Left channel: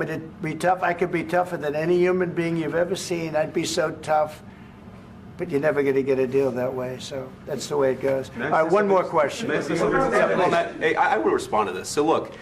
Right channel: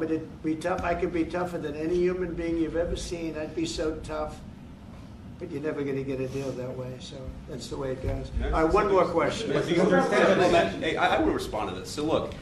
me to be tough? I could be tougher than any human being you've ever seen. I'd be so tough. But you're never going to get a deal that way, so that's the way it goes. All right, one more question. Hey, I want to respond to this. So look,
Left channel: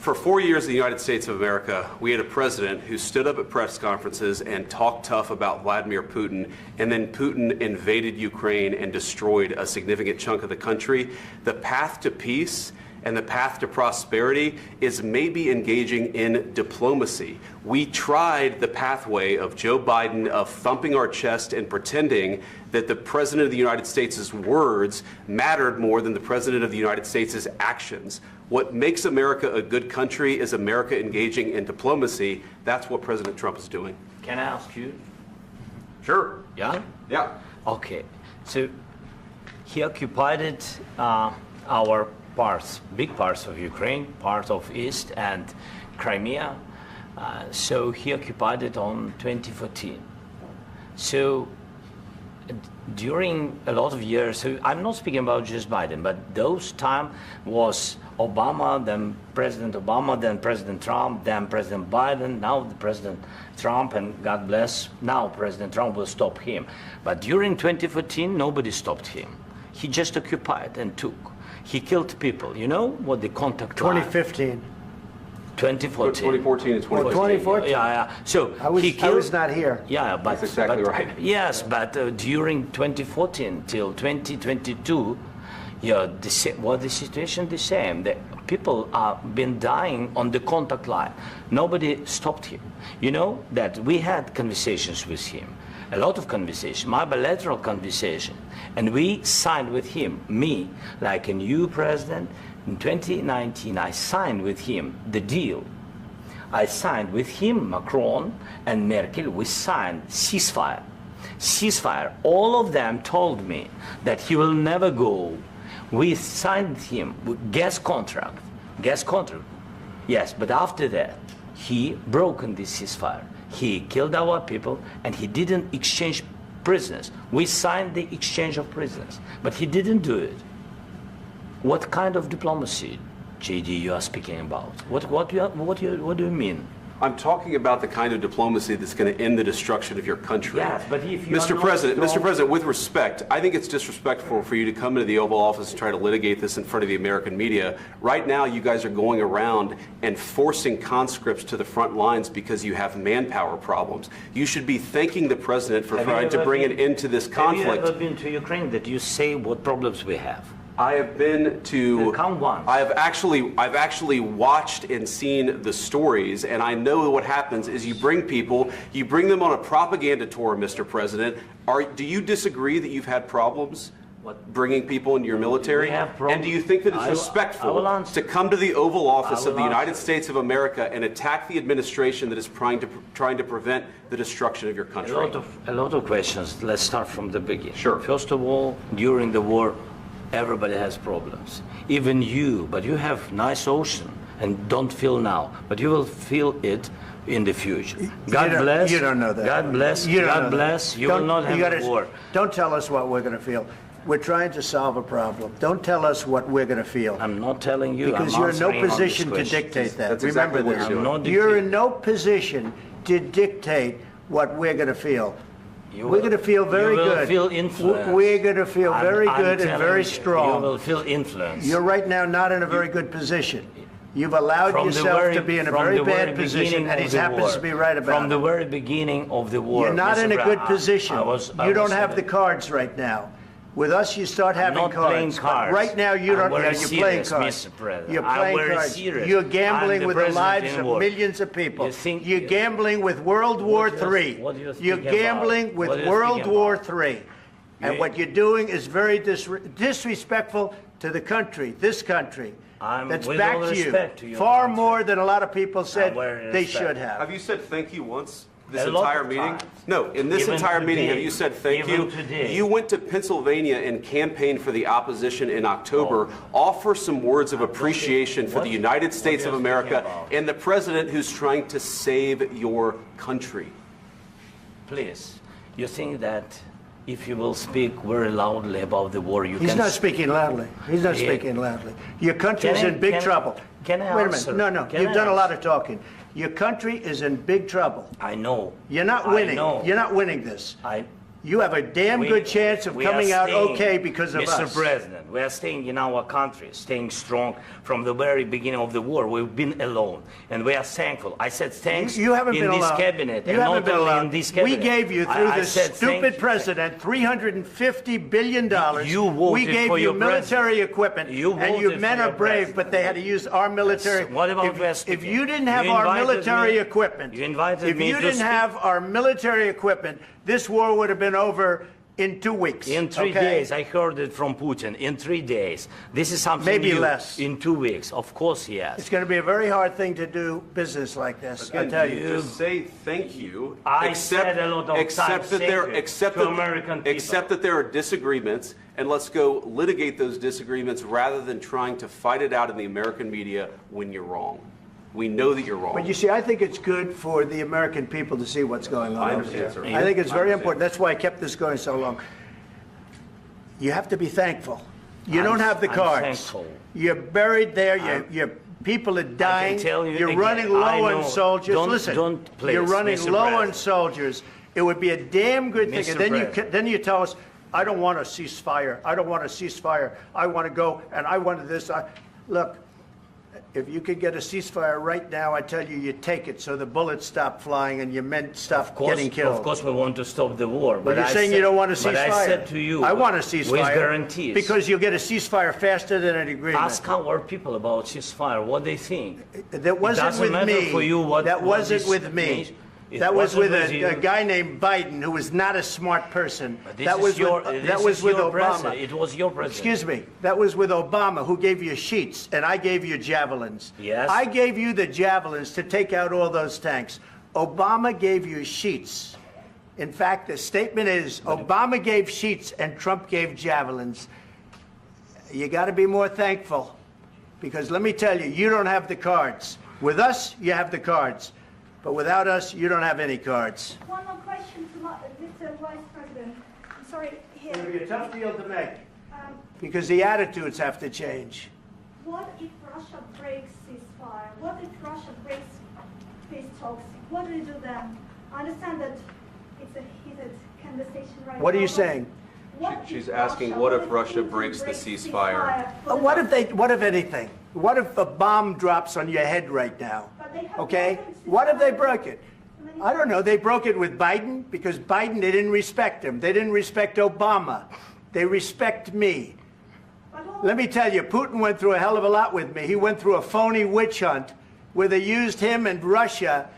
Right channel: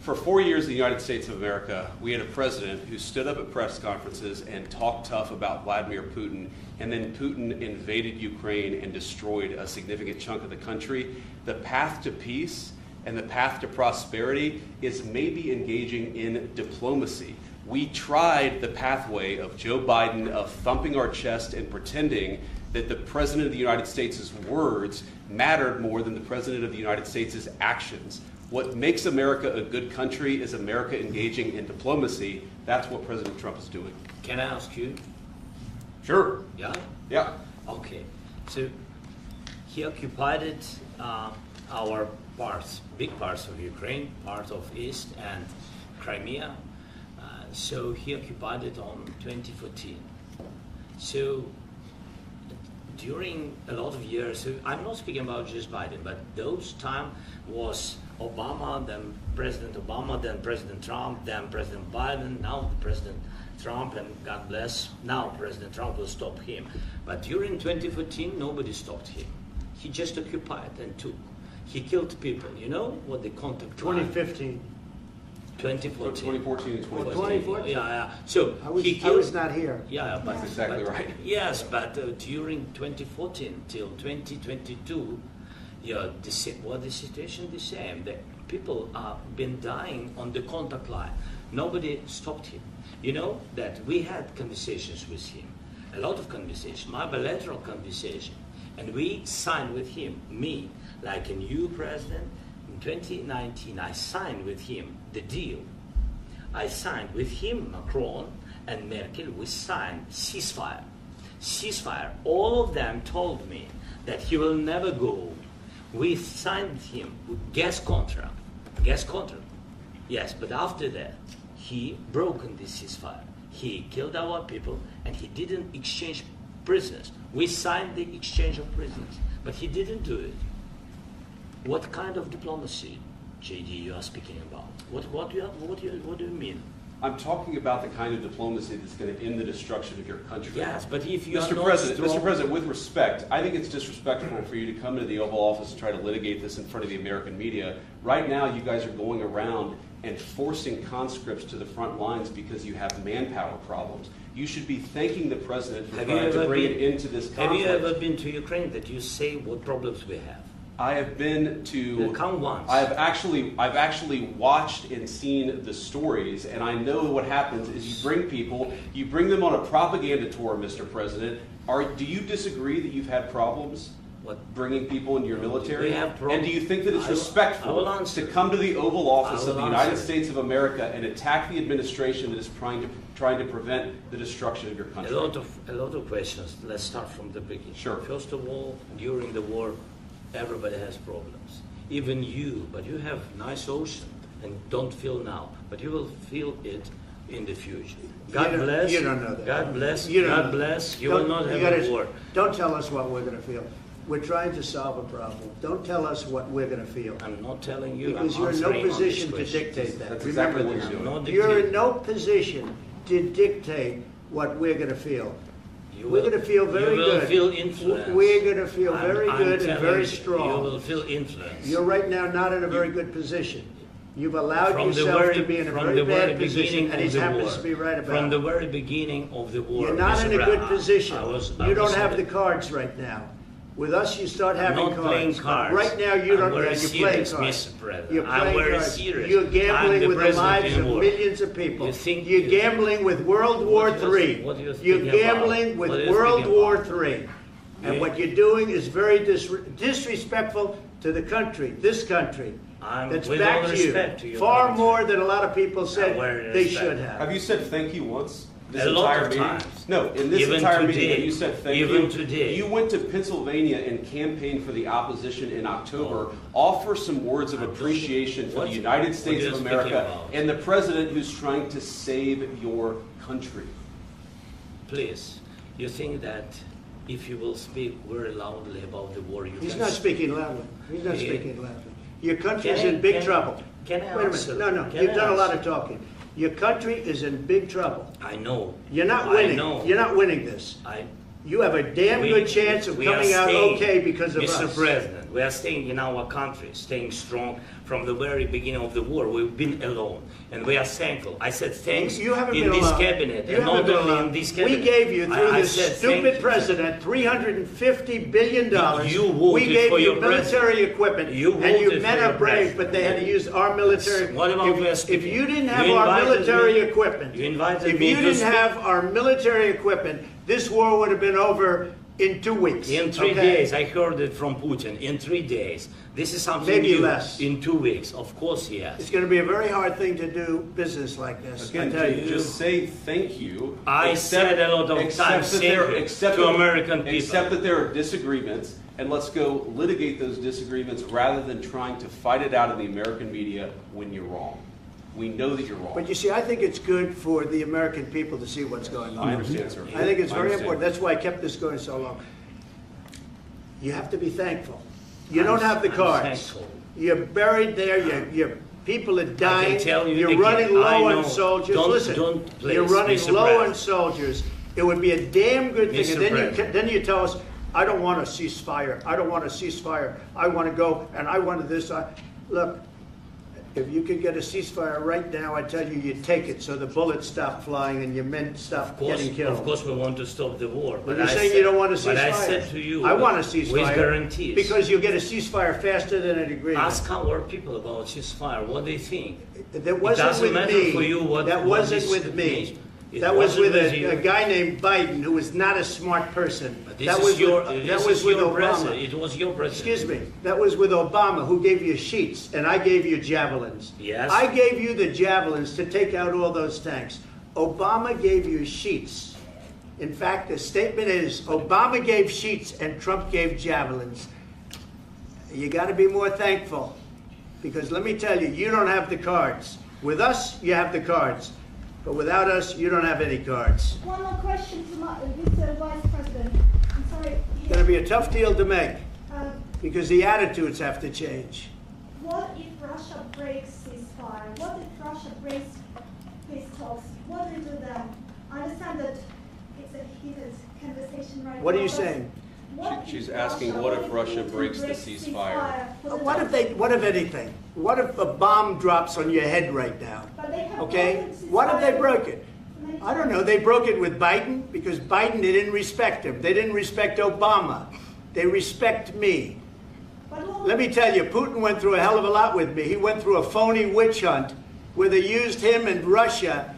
for 4 years in the United States of America, we had a president who stood up at press conferences and talked tough about Vladimir Putin, and then Putin invaded Ukraine and destroyed a significant chunk of the country. The path to peace and the path to prosperity is maybe engaging in diplomacy. We tried the pathway of Joe Biden of thumping our chest and pretending that the President of the United States' words mattered more than the President of the United States' actions. What makes America a good country is America engaging in diplomacy. That's what President Trump is doing. Can I ask you? Sure. Yeah? Yeah. Okay. So he occupied our parts, big parts of Ukraine, part of East and Crimea. So he occupied it on 2014. So during a lot of years, so I'm not speaking about just Biden, but those time was Obama, then President Obama, then President Trump, then President Biden, now President Trump, and God bless, now President Trump will stop him. But during 2014, nobody stopped him. He just occupied and took. He killed people. You know what the contact line? 2015. 2014. 2014 and 2015. 2014. Yeah. So I was not here. Yeah, but that's exactly right. Yes, but during 2014 till 2022, yeah, the situation the same. The people have been dying on the contact line. Nobody stopped him. You know that we had conversations with him, a lot of conversation, my bilateral conversation, and we signed with him, me, like a new president. In 2019, I signed with him the deal. I signed with him, Macron and Merkel, we signed ceasefire. Ceasefire. All of them told me that he will never go. We signed him with gas contract. Gas contract. Yes, but after that, he broken this ceasefire. He killed our people and he didn't exchange prisoners. We signed the exchange of prisoners, but he didn't do it. What kind of diplomacy, JD, you are speaking about? What do you mean? I'm talking about the kind of diplomacy that's going to end the destruction of your country. Yes, but if you Mr. President, with respect, I think it's disrespectful for you to come into the Oval Office and try to litigate this in front of the American media. Right now, you guys are going around and forcing conscripts to the front lines because you have manpower problems. You should be thanking the President for trying to bring an end to this conflict. Have you ever been to Ukraine that you say what problems we have? I have been to. Count once. I've actually watched and seen the stories, and I know what happens is you bring people, you bring them on a propaganda tour, Mr. President. Do you disagree that you've had problems bringing people into your military? And do you think that it's respectful to come to the Oval Office of the United States of America and attack the administration that is trying to prevent the destruction of your country? A lot of questions. Let's start from the beginning. Sure. First of all, during the war, everybody has problems, even you, but you have nice ocean and don't feel now, but you will feel it in the future. God bless. You don't know that. God bless. You God bless. You will not have a war. Don't tell us what we're going to feel. We're trying to solve a problem. Don't tell us what we're going to feel. I'm not telling you. Because you're in no position to dictate that. That's exactly what you're doing. You're in no position to dictate what we're going to feel. We're going to feel very good. You will feel influence. We're going to feel very good and very strong. You will feel influence. You're right now not in a very good position. You've allowed yourself to be in a very bad position, and he happens to be right about it. From the very beginning of the war. You're not in a good position. You don't have the cards right now. With us, you start having cards. Right now, you don't. You're playing cards. You're playing cards. You're gambling with the lives of millions of people. You're gambling with World War III. You're gambling with World War III. And what you're doing is very disrespectful to the country, this country. That's back to you. Far more than a lot of people said they should have. Have you said thank you once? This a lot entire of meeting? times. No, in this Even entire today. meeting, have you said thank Even you? today. You went to Pennsylvania and campaigned for the opposition in October. Offer some words of appreciation for the United States of America and the president who's trying to save your country. Please, you think that if you will speak very loudly about the war, you can... He's not speaking loudly. He's not speaking loudly. Your country's in big trouble. Can I Wait a answer? minute. No. Can You've I done a lot answer? of talking. Your country is in big trouble. I know. You're not winning. I know. You're not winning this. You have a damn good chance of coming out okay because of us. Mr. President, we are staying in our country, staying strong from the very beginning of the war. We've been alone, and we are thankful. I said thanks you haven't in been this alone. cabinet, You and haven't not been only alone. in this cabinet. We gave you, through this stupid thank president, $350 billion. You voted we gave for you your military president. equipment, You and your voted men for are your brave, president. but they had to use our military. What about If you didn't have You our invited military me- equipment, You invited if me you to didn't speak. have our military equipment, this war would have been over in 2 weeks. In 3 days, I heard it from Putin. In 3 days, this is something Maybe new. less. In 2 weeks, of course, yes. It's going to be a very hard thing to do business like this. I Again, tell you. just say thank you. I said a lot of times thank you to American people. Accept that there are disagreements, and let's go litigate those disagreements rather than trying to fight it out in the American media when you're wrong. We know that you're wrong. But you see, I think it's good for the American people to see what's going on. I understand, sir. I think it's I very understand. important. That's why I kept this going so long. You have to be thankful. You don't have the I'm cards. thankful. You're buried there. Your people are dying. tell you You're again, running I low know. on soldiers. Don't- Listen, don't please, you're running Mr. low on President. soldiers. It would be a damn good thing. Mr. And then President. then you tell us, I don't want a ceasefire. I don't want a ceasefire. I want to go and I want this. Look, if you could get a ceasefire right now, I tell you, you take it so the bullets stop flying and your men stop getting killed. Of course, we want to stop the war. But you're I saying said- you don't want a ceasefire. But I said to you, I want a ceasefire. with guarantees. Because you'll get a ceasefire faster than an agreement. Ask our people about ceasefire, what they think. That wasn't doesn't with matter me. for you what- That what wasn't this with me. means. It That was with wasn't with a you. guy named Biden, who was not a smart person. This That is was your, with, this that is was with your Obama. president. It was your president. Excuse me. That was with Obama, who gave you sheets, and I gave you javelins. Yes. I gave you the javelins to take out all those tanks. Obama gave you sheets. In fact, the statement is Obama gave sheets and Trump gave javelins. You got to be more thankful, because let me tell you, you don't have the cards. With us, you have the cards. But without us, you don't have any cards. One more question to Mr. Vice President. I'm sorry. It's going to be a tough deal to make, Um, because the attitudes have to change. what if Russia breaks ceasefire? What if Russia breaks peace talks? What do you do then? I understand that it's a heated conversation right now. What are you but saying? what She's if asking, what if Russia breaks the ceasefire? What if anything? What if a bomb drops on your head right now? But they have Okay? broken the What if they ceasefire broke it? many I don't know. They broke it with Biden, because Biden, they didn't respect him. They didn't respect Obama. They respect me. But what Let me tell you, Putin went through a hell of a lot with me. He went through a phony witch hunt where they used him and Russia.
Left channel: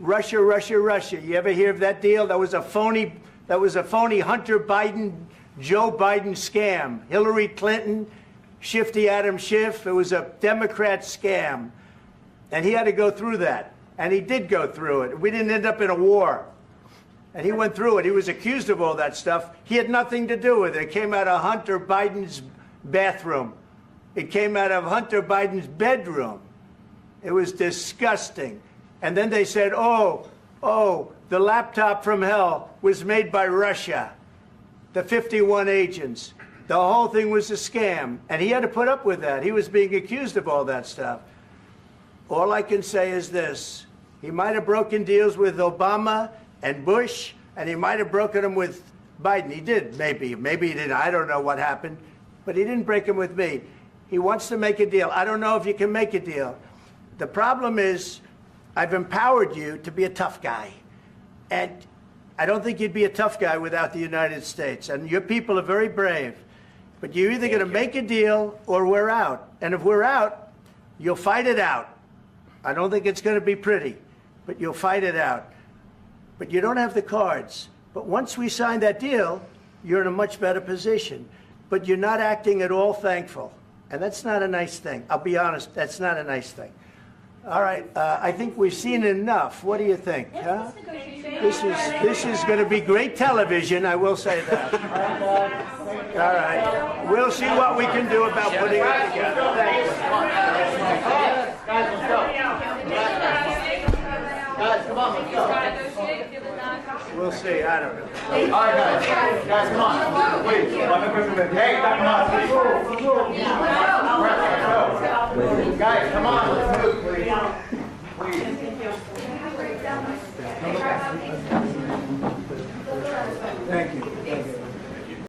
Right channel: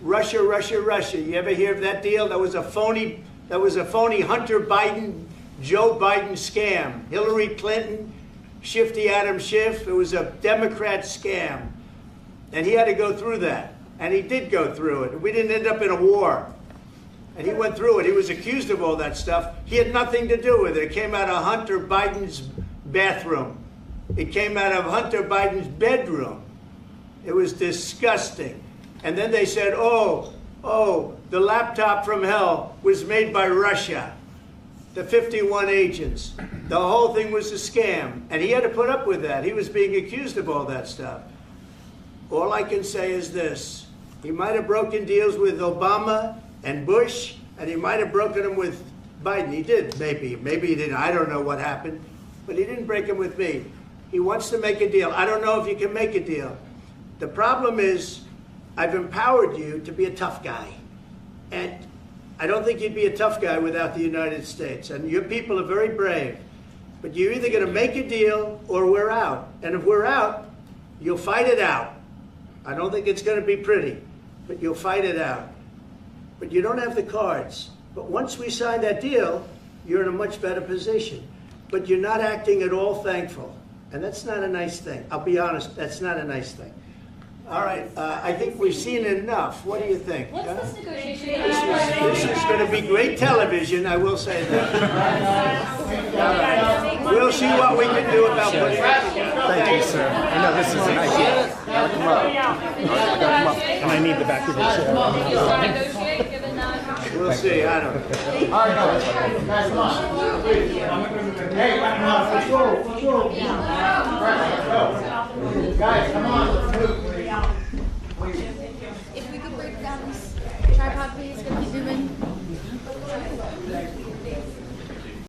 Russia. You ever hear of that deal? That was a phony Hunter Biden, Joe Biden scam. Hillary Clinton, Shifty Adam Schiff. It was a Democrat scam. And he had to go through that. And he did go through it. We didn't end up in a war. And he went through it. He was accused of all that stuff. He had nothing to do with it. It came out of Hunter Biden's bathroom. It came out of Hunter Biden's bedroom. It was disgusting. And then they said, oh, the laptop from hell was made by Russia. The 51 agents. The whole thing was a scam. And he had to put up with that. He was being accused of all that stuff. All I can say is this. He might have broken deals with Obama and Bush, and he might have broken them with Biden. He did, maybe. Maybe he didn't. I don't know what happened. But he didn't break them with me. He wants to make a deal. I don't know if you can make a deal. The problem is, I've empowered you to be a tough guy. And I don't think you'd be a tough guy without the United States. And your people are very brave. But you're either going to make a deal or we're out. And if we're out, you'll fight it out. I don't think it's going to be pretty, but you'll fight it out. But you don't have the cards. But once we sign that deal, you're in a much better position. But you're not acting at all thankful. And that's not a nice thing. I'll be honest, that's not a nice thing. All right, I think we've seen enough. What do you think? What's huh? this negotiation? This is going to be great television, I will say that. All right. We'll see what we can do about putting it together. Thanks. And I need the back of this. Negotiate, given that. We'll see. I don't know. All right, guys, come on. Wait, hey, guys, come on, let's move, please. Thank you.